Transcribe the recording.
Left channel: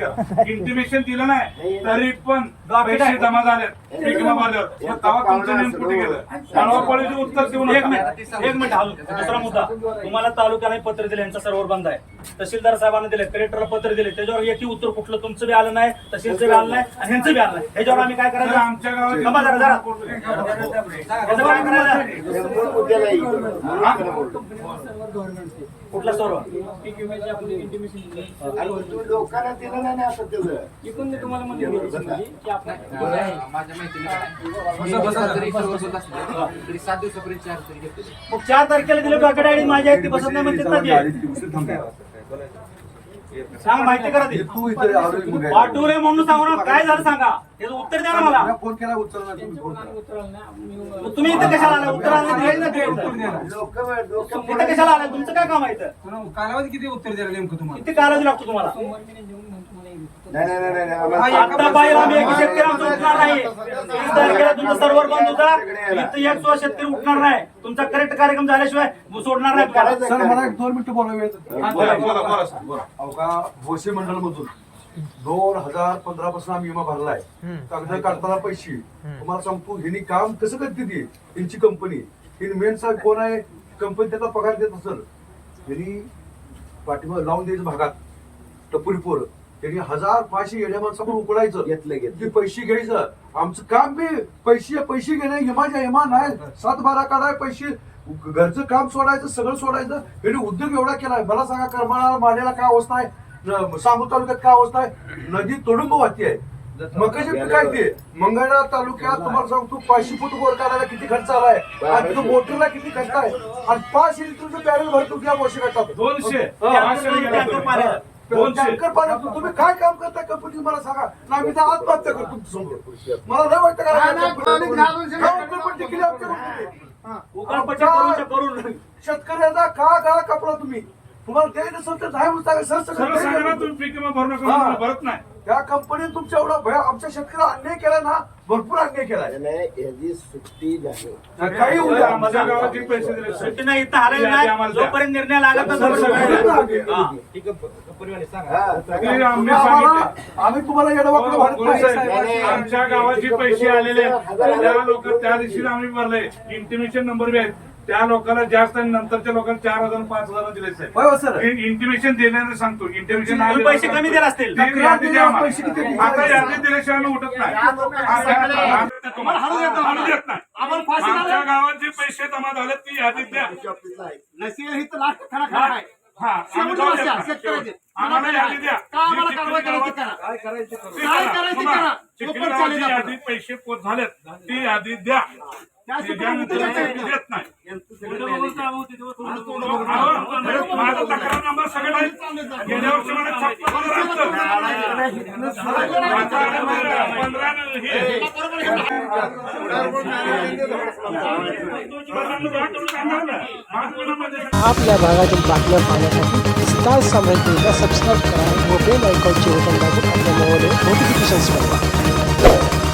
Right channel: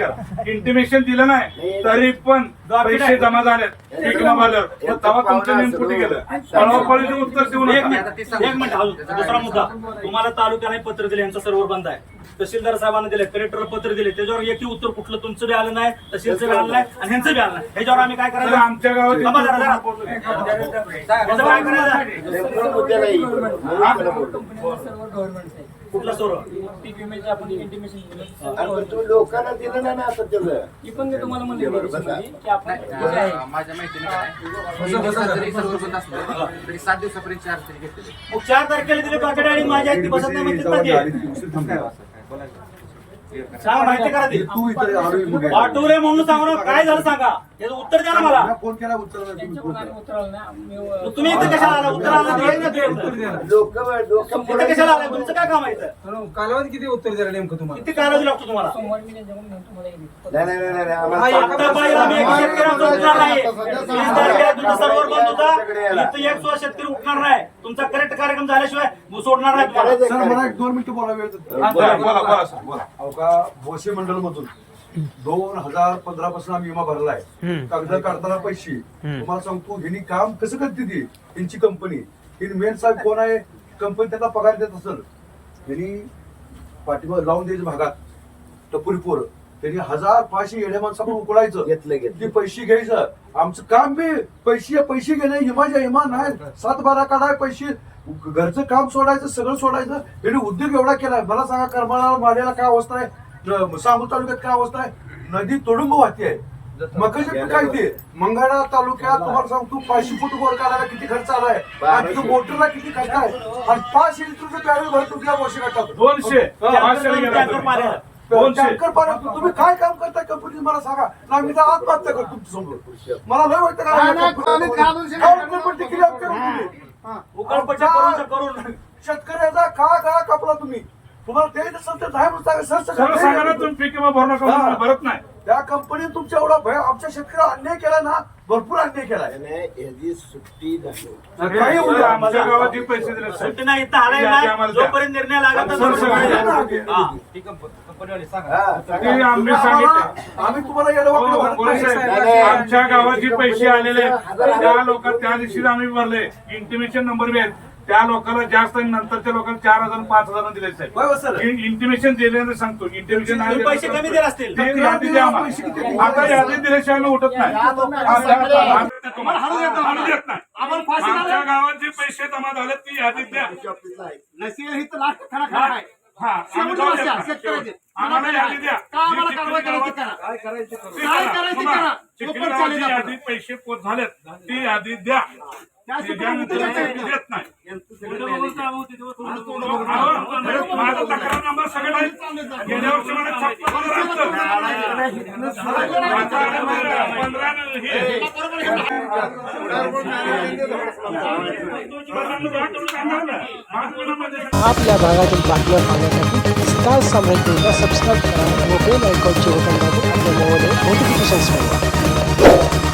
केला इंटिमेशन दिलं नाही तरी पण पैसे जमा झाले तेव्हा तुमचं नेऊन कुठे गेलं? पळवापळीचं उत्तर देऊ एक नका मिनिट. एक मिनिट हा दुसरा मुद्दा. तुम्हाला तालुक्याला पत्र दिले यांचा सर्व्हर बंद आहे. तहसीलदार साहेबांना दिले कलेक्टरला पत्र दिले त्याच्यावर एकही उत्तर कुठलं तुमचं बी आलं नाही तहसीलचं बी आलं नाही आणि ह्यांचं बी आलं नाही. ह्याच्यावर आम्ही काय करायचं? आमच्या गावात थांबा जरा, जरा. याचं काय करायचं. कुठला सर्व इंटिमेशन दिलं. नाही असं त्याचं इथून मी तुम्हाला म्हणले की आपण माझ्या माहितीने जरी सर्व बंद असलं तरी सात दिवसापर्यंत चार्ज तरी घेतले. मग चार तारखेला दिले बाकी आणि माझ्या आहेत ती बसत नाही म्हणतात ना ते. सांग माहिती करा ती. तू आलोय म्हणून वाटूरे म्हणून सांगू ना काय झालं सांगा. त्याचं उत्तर द्या ना मला. फोन केला उचलला नाही तुम्ही फोन त्यांच्या केला. उतरवलं ना मी मग तुम्ही इथं कशाला आला? उत्तर आलं नाही ना ते. उत्तर. इथं कशाला आला? तुमचं काय काम आहे इथं? कालावधी किती उत्तर द्यायला नेमकं तुम्हाला? किती कालावधी लागतो तुम्हाला? सोमवार मी त्यांच्याकडून घेऊन तुम्हाला येईल. नाही नाही नाही, नाही हा, आम्हाला एका आता पाहिजे आम्ही एक शेतकरी आमचा उठणार नाही. वीस तारखेला तुमचा सर्व्हर बंद होता. इथं एक सुद्धा शेतकरी उठणार नाही. तुमचा करेक्ट कार्यक्रम झाल्याशिवाय सोडणार नाही तुम्हाला. सर मला एक दोन मिनिटं बोला वेळ देतो. हा, बोला बोला बोला सर, बोला. अहो का भोसे मंडळ मधून दोन हजार पंधरा पासून आम्ही विमा भरलाय. कागद काढताना पैसे. तुम्हाला सांगतो ह्यांनी काम कसं करते ती? यांची कंपनी ही मेन साहेब कोण आहे? कंपनी त्याचा पगार देत असेल. यांनी पाठीमाग लावून द्यायचं भागात. टपुरी पोरं त्यांनी हजार पाचशे येड्या माणसाकडून उकडायचं घेतलं, घेतलं. ते पैसे घ्यायचं. आमचं काम बी पैसे पैसे घेणे हिमाच्या हिमा नाही. सात बारा काढाय पैसे. घरचं काम सोडायचं सगळं सोडायचं. यांनी उद्योग एवढा केलाय. मला सांगा करमाळा माड्याला काय अवस्था आहे? सांगोल तालुक्यात काय अवस्था आहे? नदी तुडुंब वाहती आहे मकाचे काय ते? मंगळा तालुक्यात तुम्हाला सांगतो पाचशे फूट बोर काढायला किती खर्च आलाय आणि तो मोटरला किती खर्च आहे? आणि पाचशे लिटरचं बॅरल भरतो या वर्षी दोनशे. टँकर पाण्यातून तुम्ही काय काम करता कंपनी मला सांगा. ना मी तर आत्महत्या करतो तुमच्यासमोर मला लय वाटतं का करून शेतकऱ्याचा का गळा कापला तुम्ही. तुम्हाला द्यायचं असेल तर सांगा. सर सर्व सांगा ना तुम्ही पीक विमा म्हणून हा. भरत नाही. त्या कंपनीने तुमच्या एवढा भय आमच्या शेतकऱ्याला अन्याय केलाय ना भरपूर अन्याय केलाय. नाही, याची सुट्टी नाही. काही. आमच्या गावात जे पैसे दिले सुट्टी नाही इथं आलाय नाही. जोपर्यंत निर्णय लागला तर सर, सर, जोपर्यंत- हा. हा, ते आम्ही सांगितले. आम्ही तुम्हाला हो, बोला. साहेब, आमच्या गावात जे पैसे आलेले आहेत त्या लोक त्या दिवशी आम्ही भरले. इंटिमेशन नंबर बी आहेत. त्या लोकांना जास्त आणि नंतरच्या लोकांना चार हजार पाच हजार दिले साहेब. होय सर. इंटिमेशन दिल्याने सांगतो. इंटिमेशन तुम्ही पैसे कमी दिले असतील. आता यादी दिल्याशिवाय आम्ही उठत नाही. आता- आमच्या गावात जे पैसे जमा झाले ती यादी द्या. हा आम्ही जाऊ देत नाही. आम्हाला यादी द्या. काय करायचं पैसे पोच झालेत ती यादी द्या. देत नाही. माझा तक्रार नंबर सगळं आहे. गेल्या वर्षी मला छप्पन आपल्या भागातील बातम्या पाहण्यासाठी स्टार साम्राज्यला सबस्क्राईब करा व बेल आयकॉनचे बटन दाबून आपल्या मोबाईलवर नोटिफिकेशन्स मिळवा